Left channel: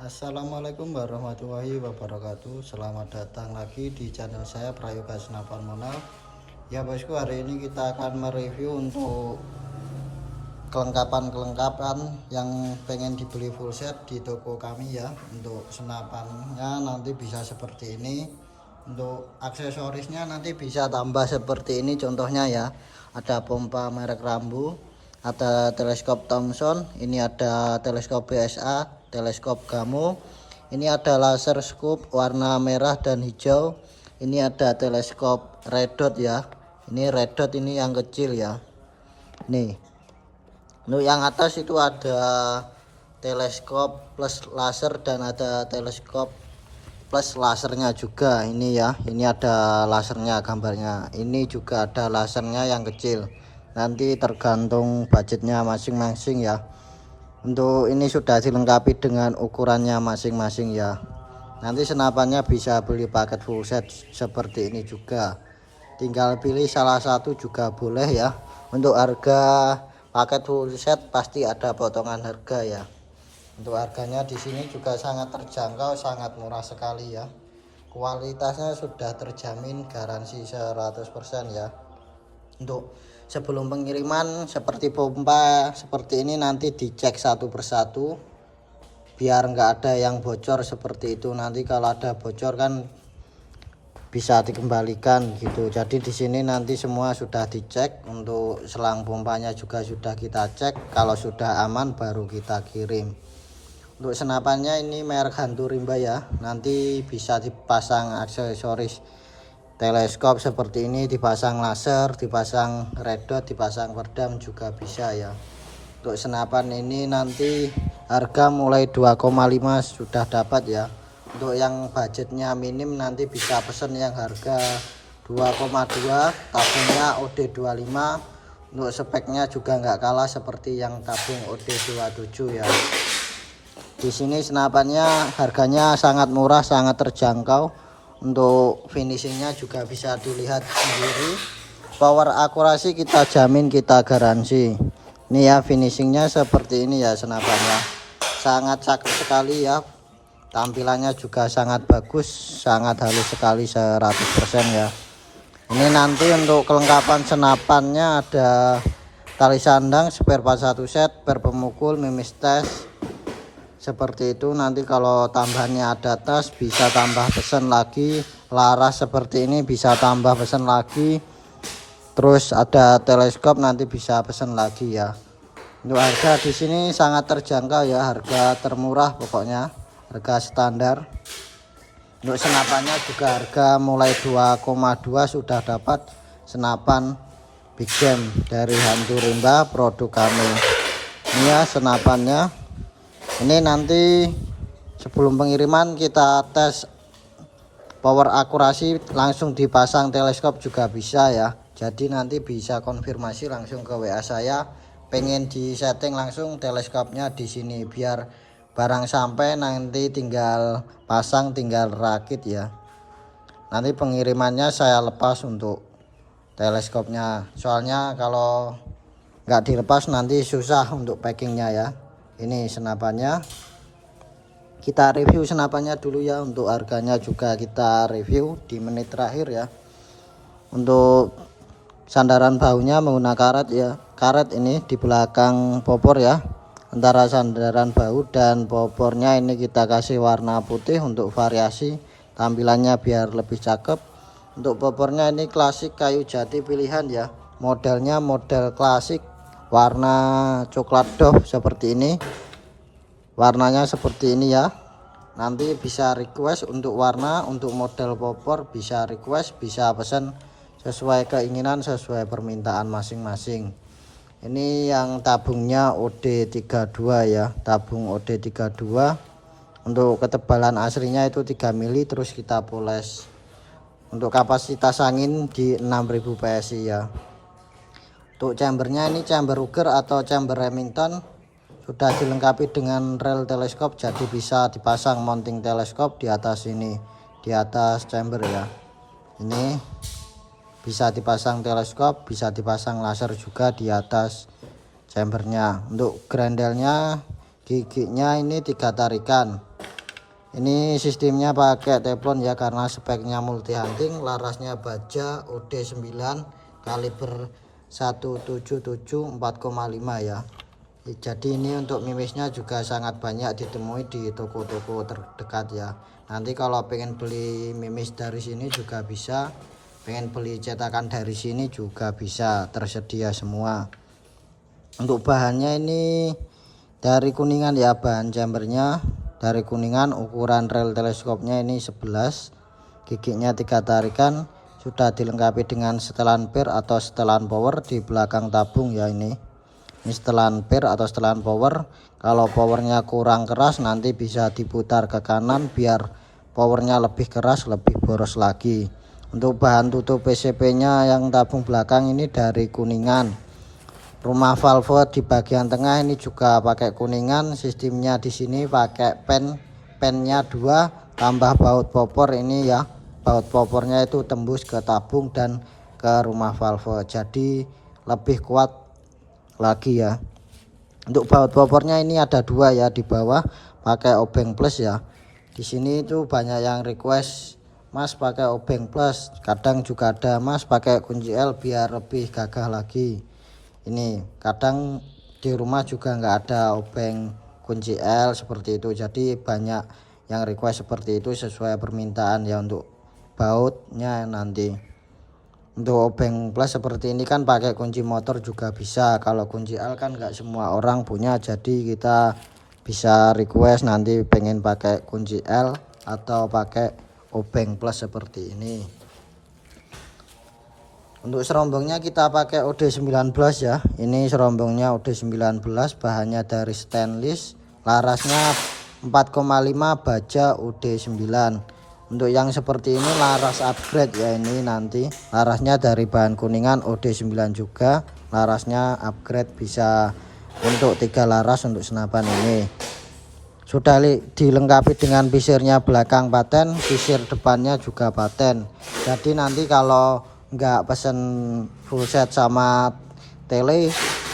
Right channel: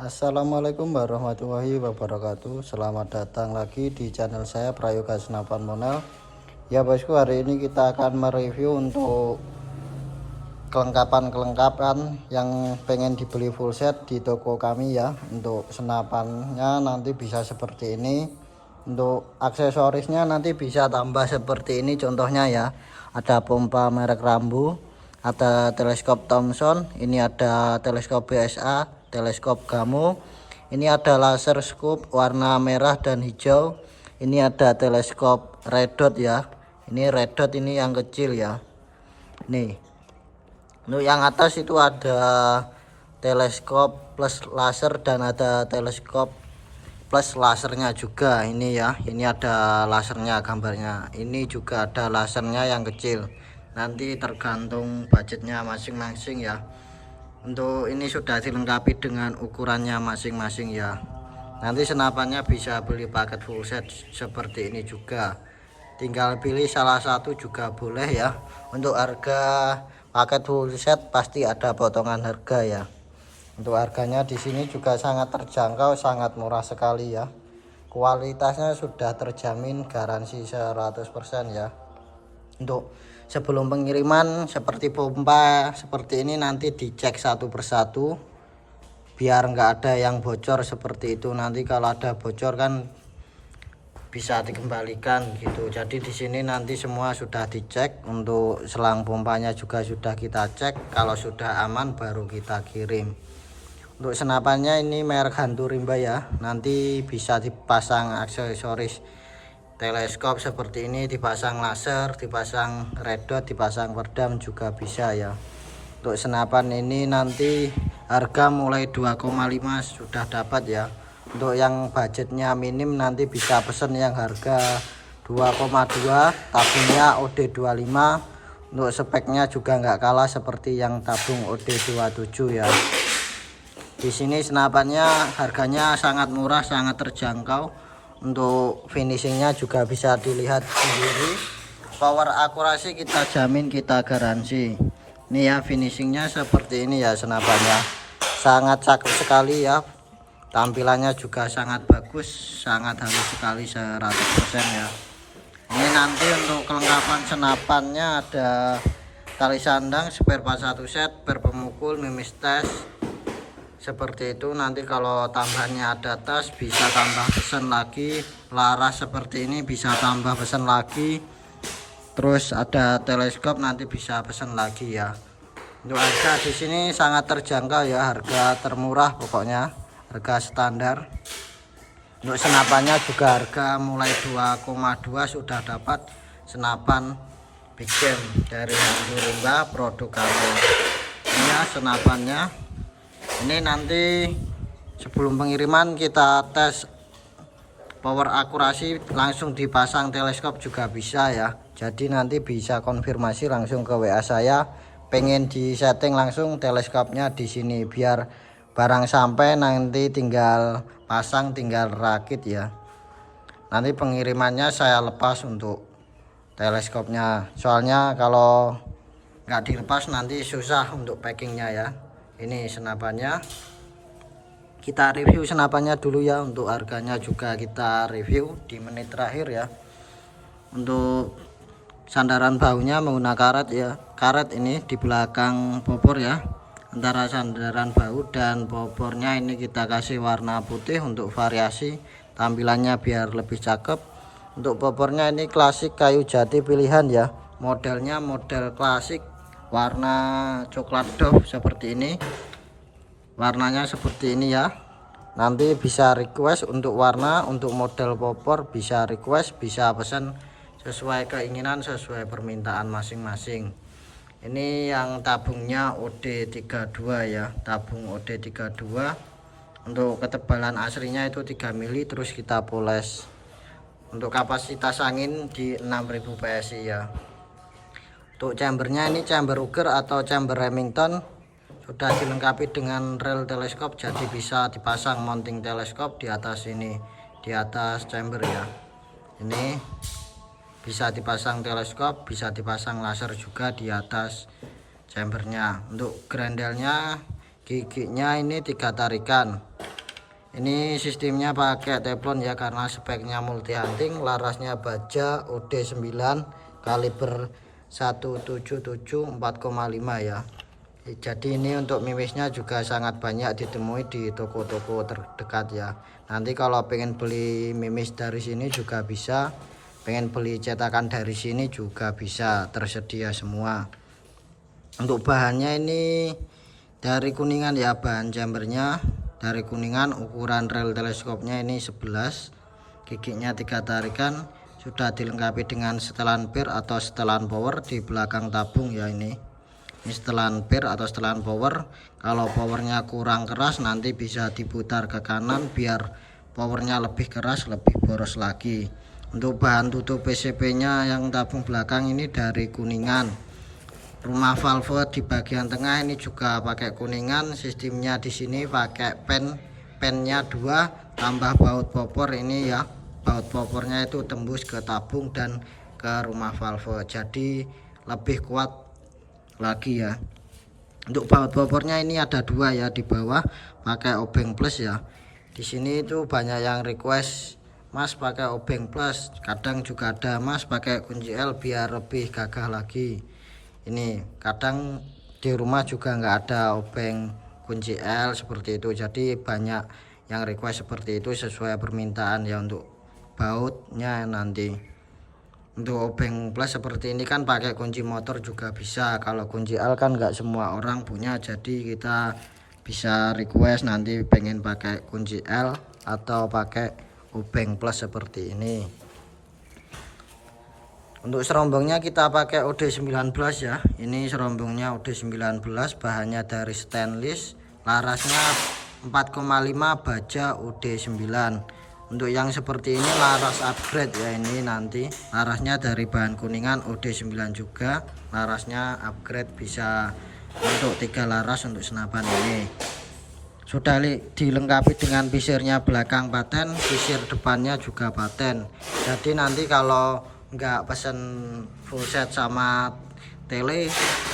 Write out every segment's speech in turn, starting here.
Assalamualaikum warahmatullahi wabarakatuh. Selamat datang lagi di channel saya Prayoga Senapan Monel. Ya bosku, hari ini kita akan mereview untuk kelengkapan yang pengen dibeli full set di toko kami ya. Untuk senapannya nanti bisa seperti ini. Untuk aksesorisnya nanti bisa tambah seperti ini contohnya ya. Ada pompa merek Rambo, ada teleskop Thomson, ini ada teleskop BSA, teleskop Gamo, ini ada laser scope warna merah dan hijau, ini ada teleskop red dot ya, ini red dot ini yang kecil ya. Nih untuk yang atas itu ada teleskop plus laser dan ada teleskop plus lasernya juga. Ini ya, ini ada lasernya gambarnya, ini juga ada lasernya yang kecil, nanti tergantung budgetnya masing-masing ya. Untuk ini sudah dilengkapi dengan ukurannya masing-masing ya. Nanti senapannya bisa beli paket full set seperti ini juga, tinggal pilih salah satu juga boleh ya. Untuk harga paket full set pasti ada potongan harga ya. Untuk harganya di sini juga sangat terjangkau, sangat murah sekali ya. Kualitasnya sudah terjamin garansi 100% ya. Untuk sebelum pengiriman seperti pompa seperti ini nanti dicek satu persatu biar nggak ada yang bocor seperti itu. Nanti kalau ada bocor kan bisa dikembalikan gitu. Jadi di sini nanti semua sudah dicek. Untuk selang pompanya juga sudah kita cek, kalau sudah aman baru kita kirim. Untuk senapannya ini merek Hantu Rimba ya, nanti bisa dipasang aksesoris teleskop seperti ini, dipasang laser, dipasang red dot, dipasang peredam juga bisa ya. Untuk senapan ini nanti harga mulai 2,5 sudah dapat ya. Untuk yang budgetnya minim nanti bisa pesen yang harga 2,2, tabungnya OD25. Untuk speknya juga nggak kalah seperti yang tabung OD27 ya. Di sini senapannya harganya sangat murah, sangat terjangkau. Untuk finishingnya juga bisa dilihat sendiri. Power akurasi kita jamin, kita garansi. Ini ya finishingnya seperti ini ya, senapannya sangat cakep sekali ya. Tampilannya juga sangat bagus, sangat halus sekali 100% ya. Ini nanti untuk kelengkapan senapannya ada tali sandang, spare part 1 set, per pemukul, mimis tes seperti itu. Nanti kalau tambahannya ada tas bisa tambah pesan lagi, laras seperti ini bisa tambah pesan lagi, terus ada teleskop nanti bisa pesan lagi ya. Untuk harga di sini sangat terjangkau ya, harga termurah pokoknya, harga standar. Untuk senapannya juga harga mulai 2,2 sudah dapat senapan big game dari Hantu Rimba, produk kami. Ini ya senapannya. Ini nanti sebelum pengiriman kita tes power akurasi, langsung dipasang teleskop juga bisa ya. Jadi nanti bisa konfirmasi langsung ke WA saya, pengen di setting langsung teleskopnya di sini biar barang sampai nanti tinggal pasang, tinggal rakit ya. Nanti pengirimannya saya lepas untuk teleskopnya, soalnya kalau nggak dilepas nanti susah untuk packingnya ya. Ini senapannya, kita review senapannya dulu ya. Untuk harganya juga kita review di menit terakhir ya. Untuk sandaran bahunya menggunakan karet ya, karet ini di belakang popor ya. Antara sandaran bahu dan popornya ini kita kasih warna putih untuk variasi tampilannya biar lebih cakep. Untuk popornya ini klasik kayu jati pilihan ya, modelnya model klasik, warna coklat doff seperti ini, warnanya seperti ini ya. Nanti bisa request untuk warna, untuk model popor bisa request, bisa pesan sesuai keinginan, sesuai permintaan masing-masing. Ini yang tabungnya OD32 ya, tabung OD32. Untuk ketebalan aslinya itu 3 mili, terus kita poles. Untuk kapasitas angin di 6000 PSI ya. Untuk chambernya ini chamber Ruger atau chamber Remington, sudah dilengkapi dengan rel teleskop, jadi bisa dipasang mounting teleskop di atas ini, di atas chamber ya. Ini bisa dipasang teleskop, bisa dipasang laser juga di atas chambernya. Untuk grendelnya, giginya ini 3 tarikan. Ini sistemnya pakai teflon ya, karena speknya multi hunting, larasnya baja OD9 kaliber 177 4,5 ya. Jadi ini untuk mimisnya juga sangat banyak ditemui di toko-toko terdekat ya. Nanti kalau pengen beli mimis dari sini juga bisa, pengen beli cetakan dari sini juga bisa, tersedia semua. Untuk bahannya ini dari Kuningan ya, bahan chambernya dari Kuningan. Ukuran rel teleskopnya ini 11, giginya 3 tarikan, sudah dilengkapi dengan setelan pir atau setelan power di belakang tabung ya. Ini setelan pir atau setelan power. Kalau powernya kurang keras nanti bisa diputar ke kanan biar powernya lebih keras, lebih boros lagi. Untuk bahan tutup PCB nya yang tabung belakang ini dari Kuningan. Rumah valve di bagian tengah ini juga pakai Kuningan. Sistemnya di sini pakai pennya 2 tambah baut popor ini ya. Baut popornya itu tembus ke tabung dan ke rumah valve, jadi lebih kuat lagi ya. Untuk baut popornya ini ada 2 ya, di bawah pakai obeng plus ya. Di sini itu banyak yang request Mas pakai obeng plus, kadang juga ada Mas pakai kunci L biar lebih gagah lagi. Ini kadang di rumah juga nggak ada obeng kunci L seperti itu, jadi banyak yang request seperti itu sesuai permintaan ya. Untuk bautnya nanti untuk obeng plus seperti ini kan pakai kunci motor juga bisa. Kalau kunci L kan nggak semua orang punya, jadi kita bisa request nanti pengen pakai kunci L atau pakai obeng plus seperti ini. Untuk serombongnya kita pakai OD19 ya. Ini serombongnya OD19, bahannya dari stainless, larasnya 4,5, baja OD9. Untuk yang seperti ini laras upgrade ya. Ini nanti larasnya dari bahan Kuningan OD9 juga, larasnya upgrade, bisa untuk 3 laras untuk senapan ini. Sudah dilengkapi dengan visirnya belakang paten, visir depannya juga paten. Jadi nanti kalau nggak pesen full set sama tele,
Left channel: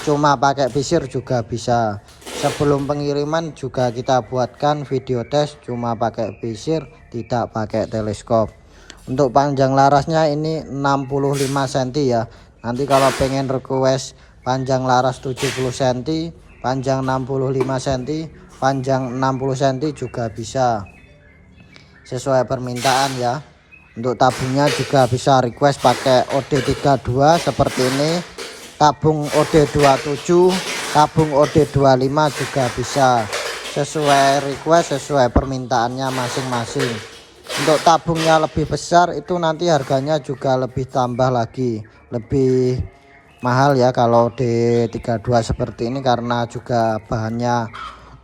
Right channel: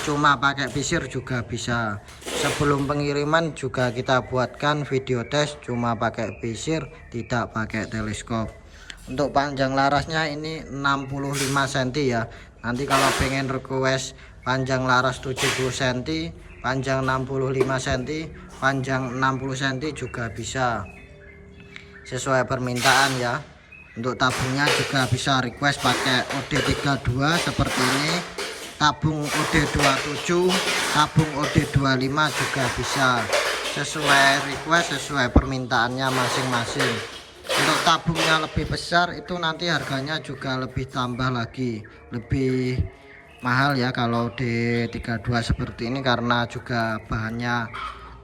cuma pakai visir juga bisa. Sebelum pengiriman juga kita buatkan video tes cuma pakai visir, tidak pakai teleskop. Untuk panjang larasnya ini 65 cm ya. Nanti kalau pengen request panjang laras 70 cm, panjang 65 cm, panjang 60 cm juga bisa, sesuai permintaan ya. Untuk tabungnya juga bisa request pakai OD32 seperti ini, tabung OD27, tabung OD25 juga bisa, sesuai request, sesuai permintaannya masing-masing. Untuk tabungnya lebih besar itu nanti harganya juga lebih tambah lagi, lebih mahal ya kalau D32 seperti ini, karena juga bahannya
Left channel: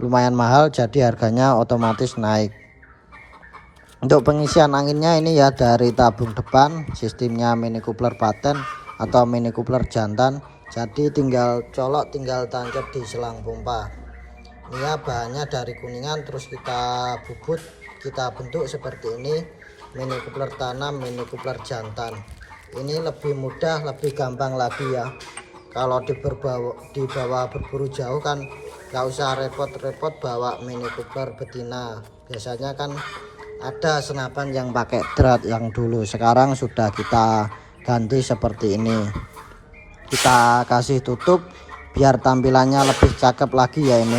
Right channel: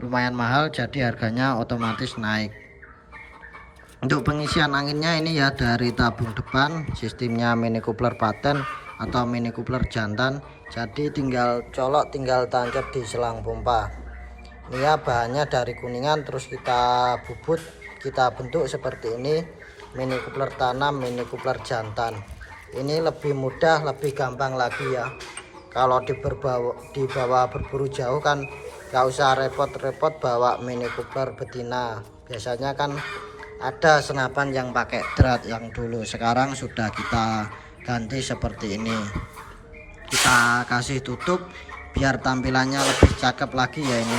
lumayan mahal, jadi harganya otomatis naik. Untuk pengisian anginnya ini ya dari tabung depan, sistemnya mini coupler paten atau mini coupler jantan, jadi tinggal colok, tinggal tancap di selang pompa. Ini ya bahannya dari Kuningan, terus kita bubut, kita bentuk seperti ini, mini coupler tanam, mini coupler jantan. Ini lebih mudah, lebih gampang lagi ya. Kalau dibawa berburu jauh kan gak usah repot-repot bawa mini coupler betina. Biasanya kan ada senapan yang pakai drat yang dulu, sekarang sudah kita ganti seperti ini. Kita kasih tutup biar tampilannya lebih cakep lagi ya, ini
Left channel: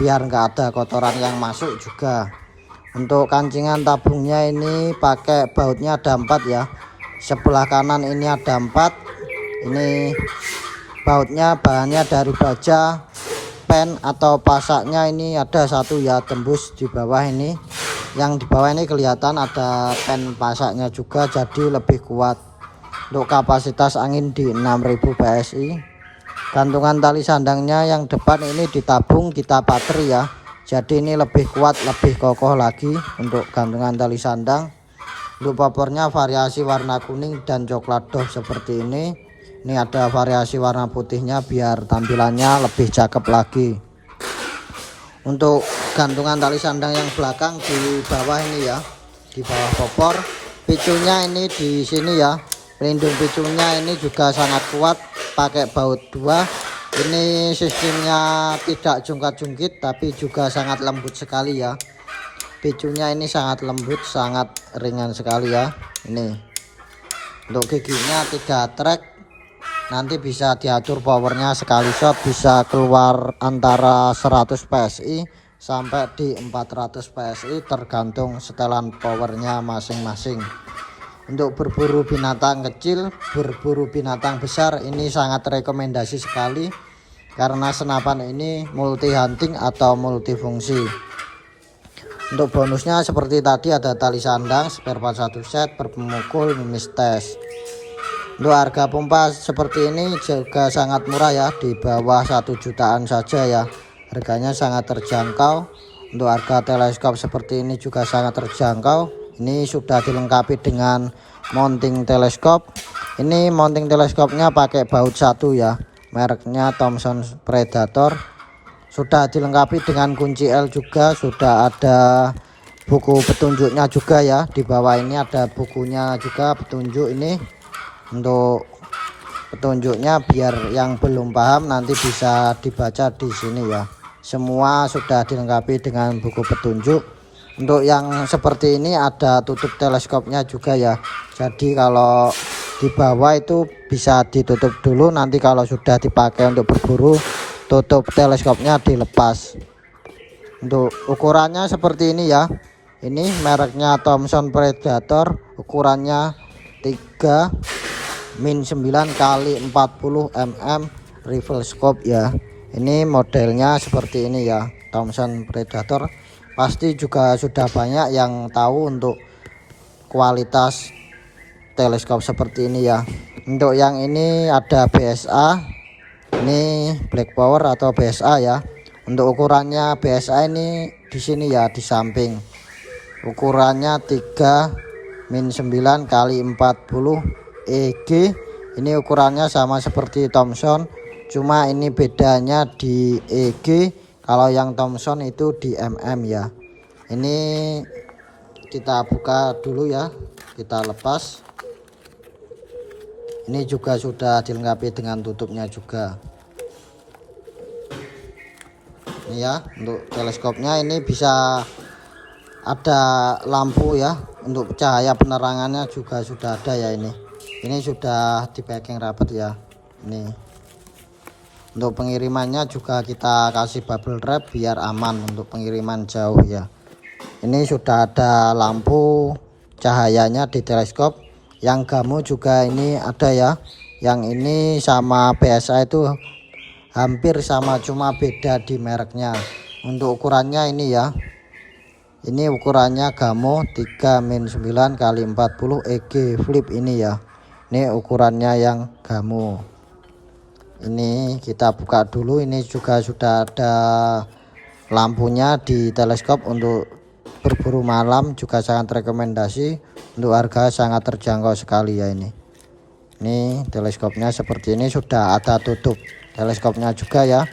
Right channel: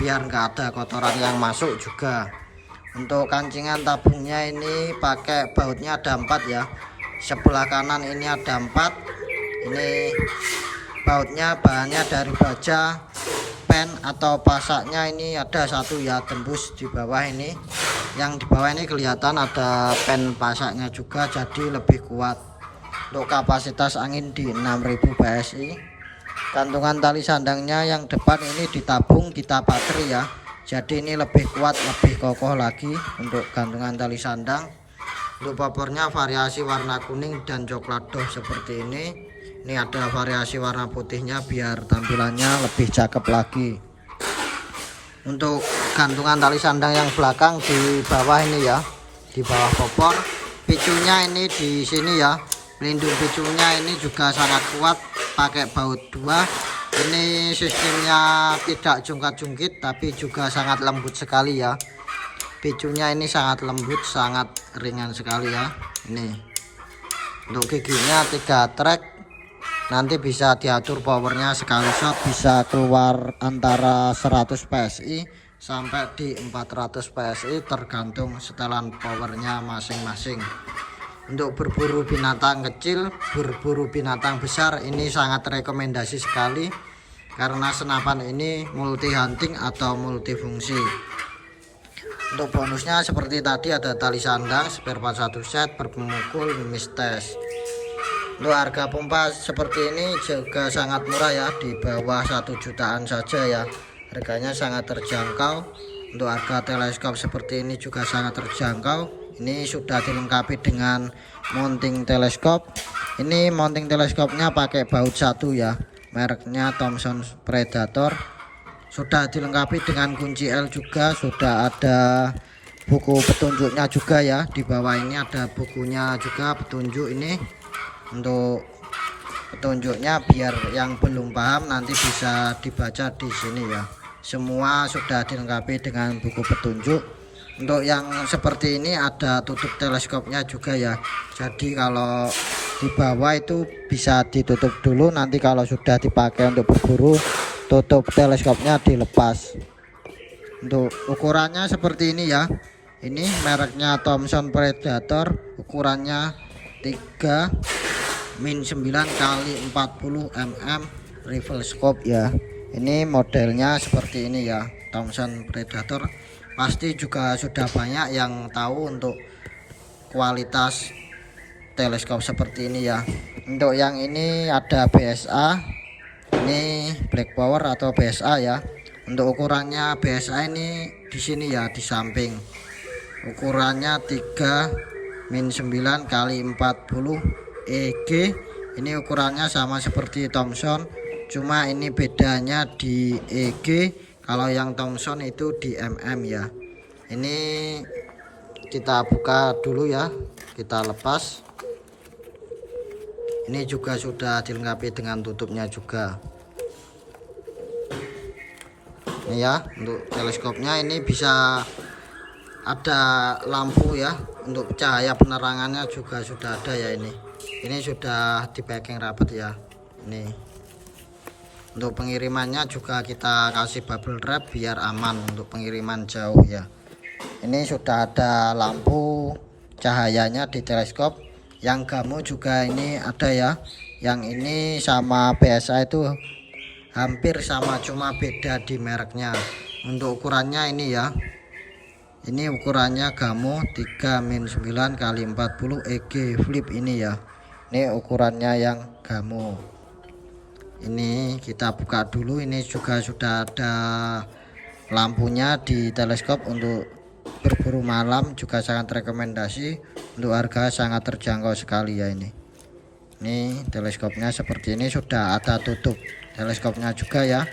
biar nggak ada kotoran yang masuk juga. Untuk kancingan tabungnya ini pakai bautnya ada 4 ya. Sebelah kanan ini ada 4. Ini bautnya bahannya dari baja, pen atau pasaknya ini ada 1 ya, tembus di bawah ini. Yang di bawah ini kelihatan ada pen pasaknya juga, jadi lebih kuat. Untuk kapasitas angin di 6000 PSI. Gantungan tali sandangnya yang depan ini ditabung, kita pater ya, jadi ini lebih kuat, lebih kokoh lagi untuk gantungan tali sandang. Untuk popornya variasi warna kuning dan coklat doff seperti ini. Ini ada variasi warna putihnya biar tampilannya lebih cakep lagi. Untuk gantungan tali sandang yang belakang di bawah ini ya, di bawah popor, picunya ini di sini ya. Pelindung picunya ini juga sangat kuat, pakai baut 2. Ini sistemnya tidak jungkat-jungkit tapi juga sangat lembut sekali ya. picunya ini sangat lembut, sangat ringan sekali ya. Ini untuk giginya 3 track, nanti bisa diatur powernya sekali shot bisa keluar antara 100 PSI sampai di 400 PSI tergantung setelan powernya masing-masing. Untuk berburu binatang kecil, berburu binatang besar, ini sangat rekomendasi sekali karena senapan ini multi hunting atau multifungsi. Untuk bonusnya seperti tadi ada tali sandang, spare part 1 set, berpemukul, mimis tes. Untuk harga pompa seperti ini juga sangat murah ya, di bawah 1 jutaan saja ya. Harganya sangat terjangkau. Untuk harga teleskop seperti ini juga sangat terjangkau. Ini sudah dilengkapi dengan mounting teleskop. Ini mounting teleskopnya pakai baut 1 ya, mereknya Thomson Predator. Sudah dilengkapi dengan kunci L juga, sudah ada buku petunjuknya juga ya. Di bawah ini ada bukunya juga petunjuk ini. Untuk petunjuknya biar yang belum paham nanti bisa dibaca di sini ya. Semua sudah dilengkapi dengan buku petunjuk. Untuk yang seperti ini ada tutup teleskopnya juga ya. Jadi kalau di bawah itu bisa ditutup dulu, nanti kalau sudah dipakai untuk berburu tutup teleskopnya dilepas. Untuk ukurannya seperti ini ya. Ini mereknya Thomson Predator, ukurannya 3-9 x 40 mm rifle scope ya. Ini modelnya seperti ini ya, Thomson Predator. Pasti juga sudah banyak yang tahu untuk kualitas teleskop seperti ini ya. Untuk yang ini ada BSA, ini black power atau BSA ya. Untuk ukurannya BSA ini di sini ya, di samping. Ukurannya 3-9 x 40 EG. Ini ukurannya sama seperti Thomson, cuma ini bedanya di EG. Kalau yang Thomson itu di mm ya. Ini kita buka dulu ya, kita lepas. Ini juga sudah dilengkapi dengan tutupnya juga. Ini ya, untuk teleskopnya ini bisa ada lampu ya. Untuk cahaya penerangannya juga sudah ada ya ini. Ini sudah di packing rapat ya. Ini. Untuk pengirimannya juga kita kasih bubble wrap biar aman untuk pengiriman jauh ya. Ini sudah ada lampu cahayanya di teleskop. Yang gamu juga ini ada ya. Yang ini sama biasa itu hampir sama, cuma beda di mereknya. Untuk ukurannya ini ya. Ini ukurannya gamu 3-9 x 40 EG flip ini ya. Ini ukurannya yang gamu. Ini kita buka dulu. Ini juga sudah ada lampunya di teleskop. Untuk berburu malam juga sangat rekomendasi. Untuk harga sangat terjangkau sekali ya ini. Ini teleskopnya seperti ini, sudah ada tutup teleskopnya juga ya.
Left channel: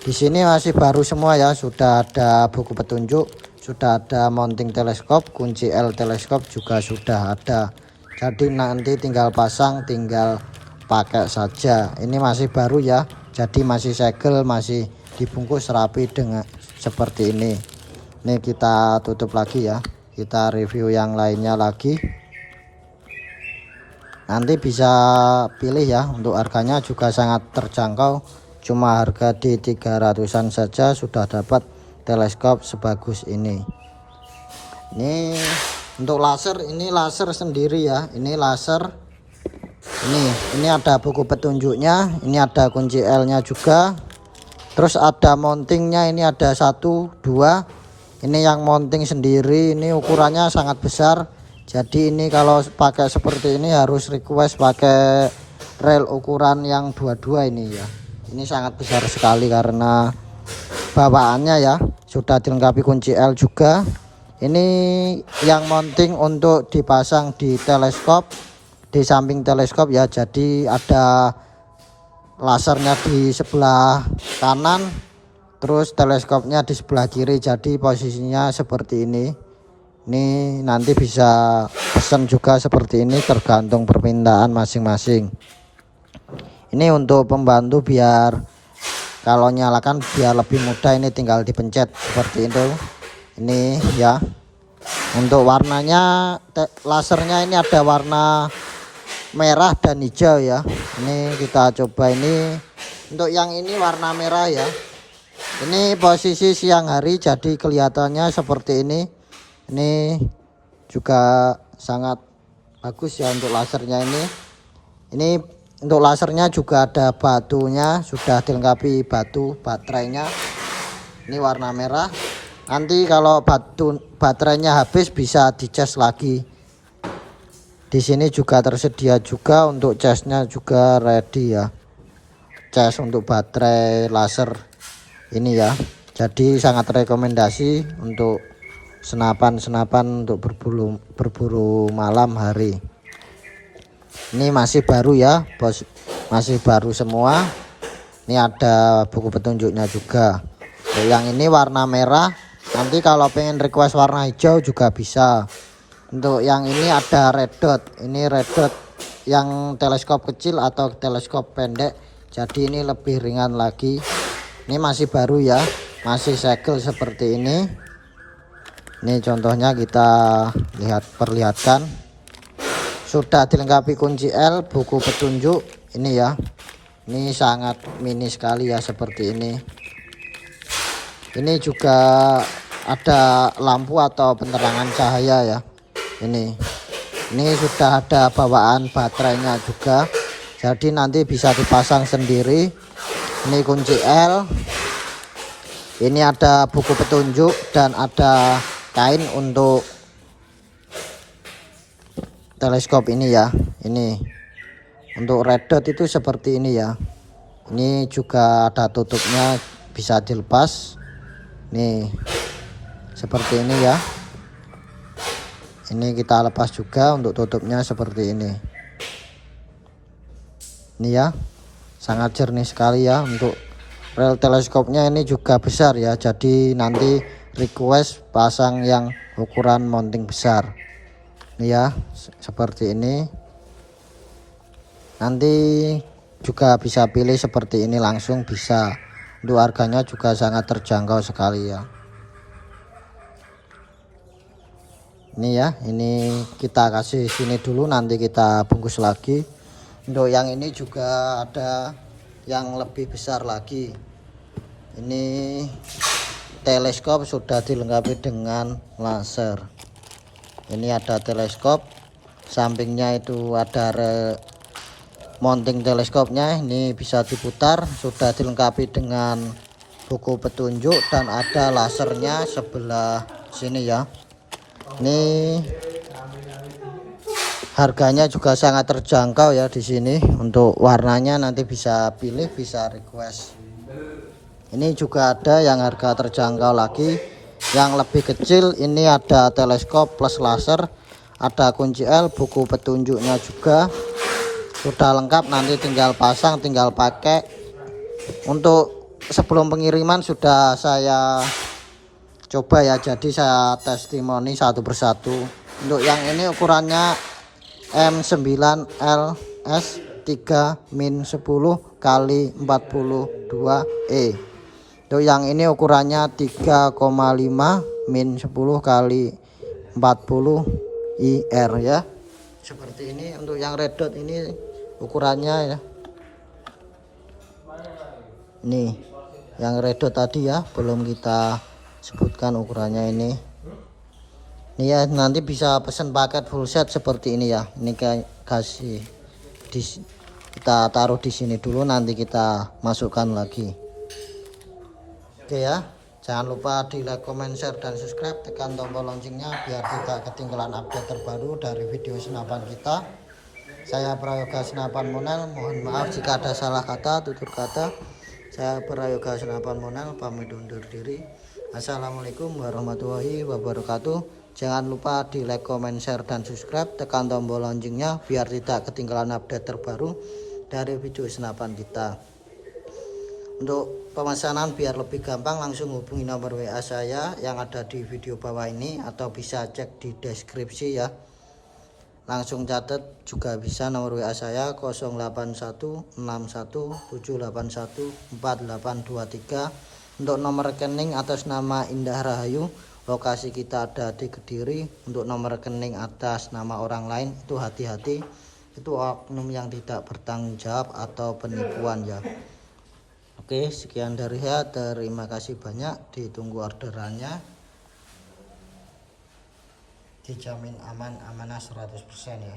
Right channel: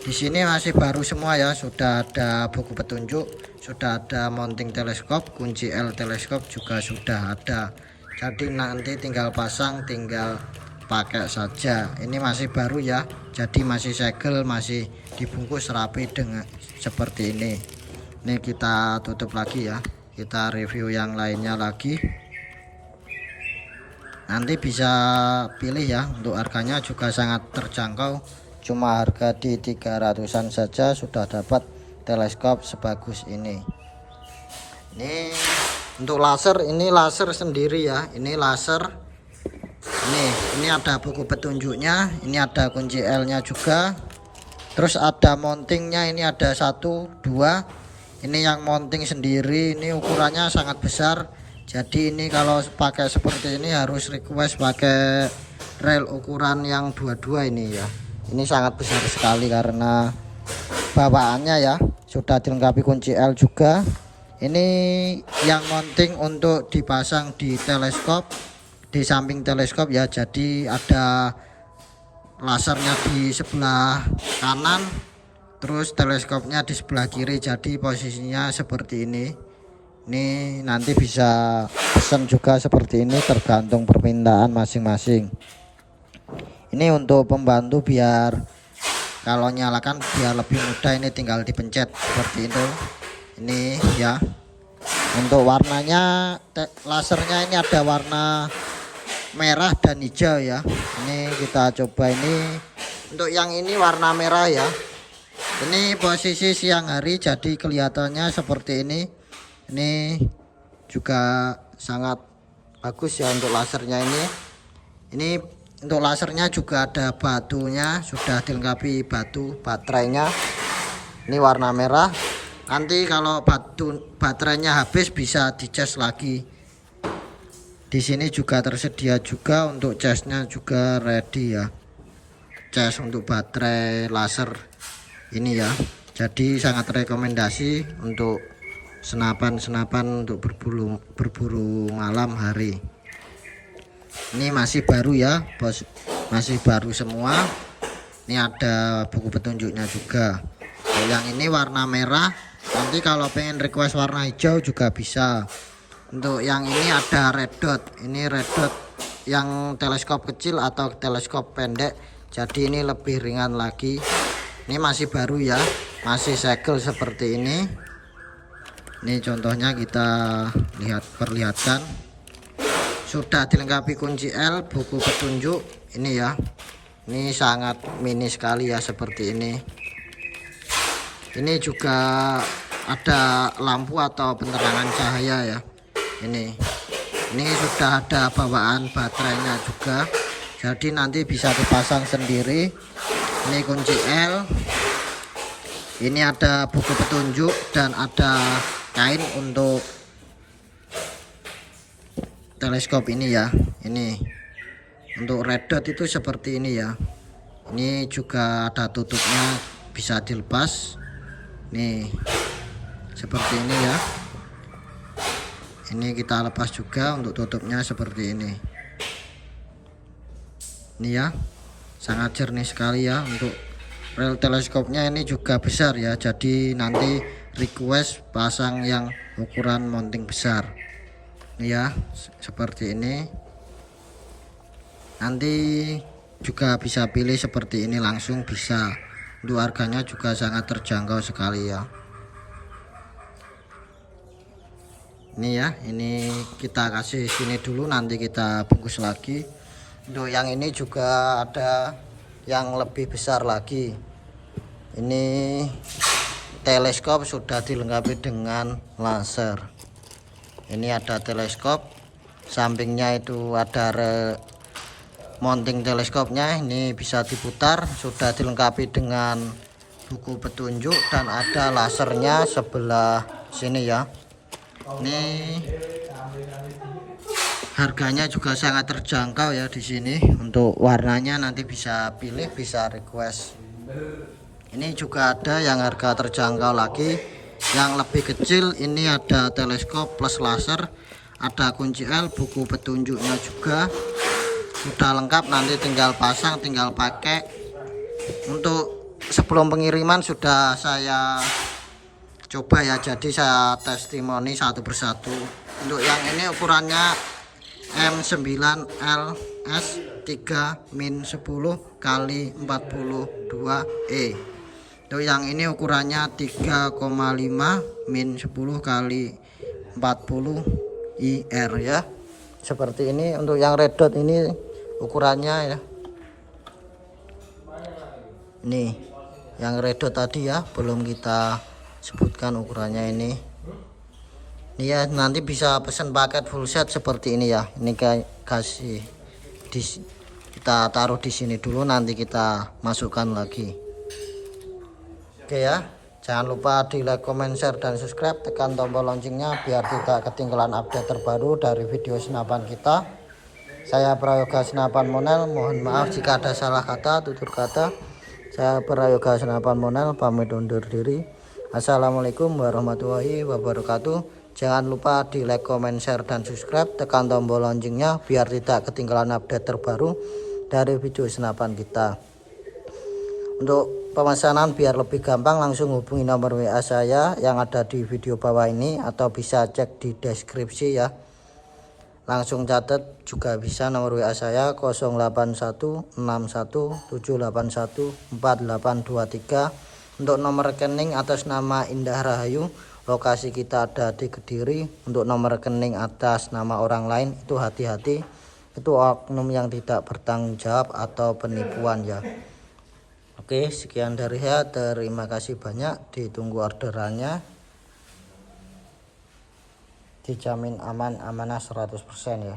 Di sini masih baru semua ya, sudah ada buku petunjuk, sudah ada mounting teleskop, kunci L teleskop juga sudah ada. Jadi nanti tinggal pasang, tinggal pakai saja. Ini masih baru ya, jadi masih segel, masih dibungkus rapi dengan seperti ini. Ini kita tutup lagi ya, kita review yang lainnya lagi. Nanti bisa pilih ya. Untuk harganya juga sangat terjangkau, cuma harga di 300-an saja sudah dapat teleskop sebagus ini. Ini untuk laser, ini laser sendiri ya. Ini laser. Ini ada buku petunjuknya, ini ada kunci L nya juga. Terus ada mountingnya, ini ada 1, 2. Ini yang mounting sendiri, ini ukurannya sangat besar. Jadi ini kalau pakai seperti ini harus request pakai rel ukuran yang 22 ini ya. Ini sangat besar sekali karena bawaannya ya. Sudah dilengkapi kunci L juga. Ini yang mounting untuk dipasang di teleskop, di samping teleskop ya. Jadi ada lasernya di sebelah kanan, terus teleskopnya di sebelah kiri. Jadi posisinya seperti ini. Ini nanti bisa pesan juga seperti ini, tergantung permintaan masing-masing. Ini untuk pembantu biar kalau nyalakan biar lebih mudah, ini tinggal dipencet seperti itu. Ini ya. Untuk warnanya lasernya ini ada warna merah dan hijau ya. Ini kita coba ini. Untuk yang ini warna merah ya. Ini posisi siang hari jadi kelihatannya seperti ini. Ini juga sangat bagus ya untuk lasernya ini. Ini untuk lasernya juga ada batunya, sudah dilengkapi batu baterainya. Ini warna merah. Nanti kalau baterainya habis bisa dicas lagi. Di sini juga tersedia juga untuk casnya juga ready ya. Cas untuk baterai laser ini ya. Jadi sangat rekomendasi untuk senapan untuk berburu malam hari. Ini masih baru ya, bos. Masih baru semua. Ini ada buku petunjuknya juga. Yang ini warna merah. Nanti kalau pengen request warna hijau juga bisa. Untuk yang ini ada red dot. Ini red dot yang teleskop kecil atau teleskop pendek. Jadi ini lebih ringan lagi. Ini masih baru ya. Masih segel seperti ini. Ini contohnya kita perlihatkan. Sudah dilengkapi kunci L, buku petunjuk. Ini ya. Ini sangat mini sekali ya seperti ini. Ini juga ada lampu atau penerangan cahaya ya. Ini sudah ada bawaan baterainya juga. Jadi nanti bisa dipasang sendiri. Ini kunci L. Ini ada buku petunjuk dan ada kain untuk teleskop ini ya. Ini untuk red dot itu seperti ini ya. Ini juga ada tutupnya, bisa dilepas. Nih seperti ini ya. Ini kita lepas juga untuk tutupnya seperti ini. Ini ya, sangat jernih sekali ya. Untuk rel teleskopnya ini juga besar ya. Jadi nanti request pasang yang ukuran mounting besar. Ini ya, seperti ini. Nanti juga bisa pilih seperti ini langsung bisa. Untuk harganya juga sangat terjangkau sekali ya. Ini ya, ini kita kasih sini dulu, nanti kita bungkus lagi. Untuk yang ini juga ada yang lebih besar lagi. Ini teleskop sudah dilengkapi dengan laser. Ini ada teleskop, sampingnya itu ada mounting teleskopnya. Ini bisa diputar, sudah dilengkapi dengan buku petunjuk dan ada lasernya sebelah sini ya. Ini harganya juga sangat terjangkau ya di sini. Untuk warnanya nanti bisa pilih, bisa request. Ini juga ada yang harga terjangkau lagi, yang lebih kecil. Ini ada teleskop plus laser, ada kunci L, buku petunjuknya juga sudah lengkap. Nanti tinggal pasang, tinggal pakai. Untuk sebelum pengiriman sudah saya coba ya, jadi saya testimoni satu persatu. Untuk yang ini ukurannya M9LS 3-10 kali 42E. Untuk yang ini ukurannya 3,5 -10 kali 40 IR ya. Seperti ini. Untuk yang red dot ini ukurannya ya. Ini yang red dot tadi ya, belum kita sebutkan ukurannya ini. Ini ya, nanti bisa pesan paket full set seperti ini ya. Ini kayak kasih kita taruh di sini dulu, nanti kita masukkan lagi. Oke ya, jangan lupa di like, comment, share, dan subscribe. Tekan tombol loncengnya biar tidak ketinggalan update terbaru dari video senapan kita. Saya Prayoga Senapan Monel, mohon maaf jika ada salah kata, tutur kata. Saya Prayoga Senapan Monel pamit undur diri. Assalamualaikum warahmatullahi wabarakatuh. Jangan lupa di like, comment, share, dan subscribe. Tekan tombol loncengnya biar tidak ketinggalan update terbaru dari video senapan kita. Untuk pemesanan biar lebih gampang, langsung hubungi nomor WA saya yang ada di video bawah ini, atau bisa cek di deskripsi ya. Langsung catat juga bisa nomor WA saya 081617814823. Untuk nomor rekening atas nama Indah Rahayu lokasi kita ada di Kediri, untuk nomor rekening atas nama orang lain itu hati-hati, itu oknum yang tidak bertanggung jawab atau penipuan ya. Oke, sekian dari saya, terima kasih banyak, ditunggu orderannya, dijamin aman, amanah 100% ya.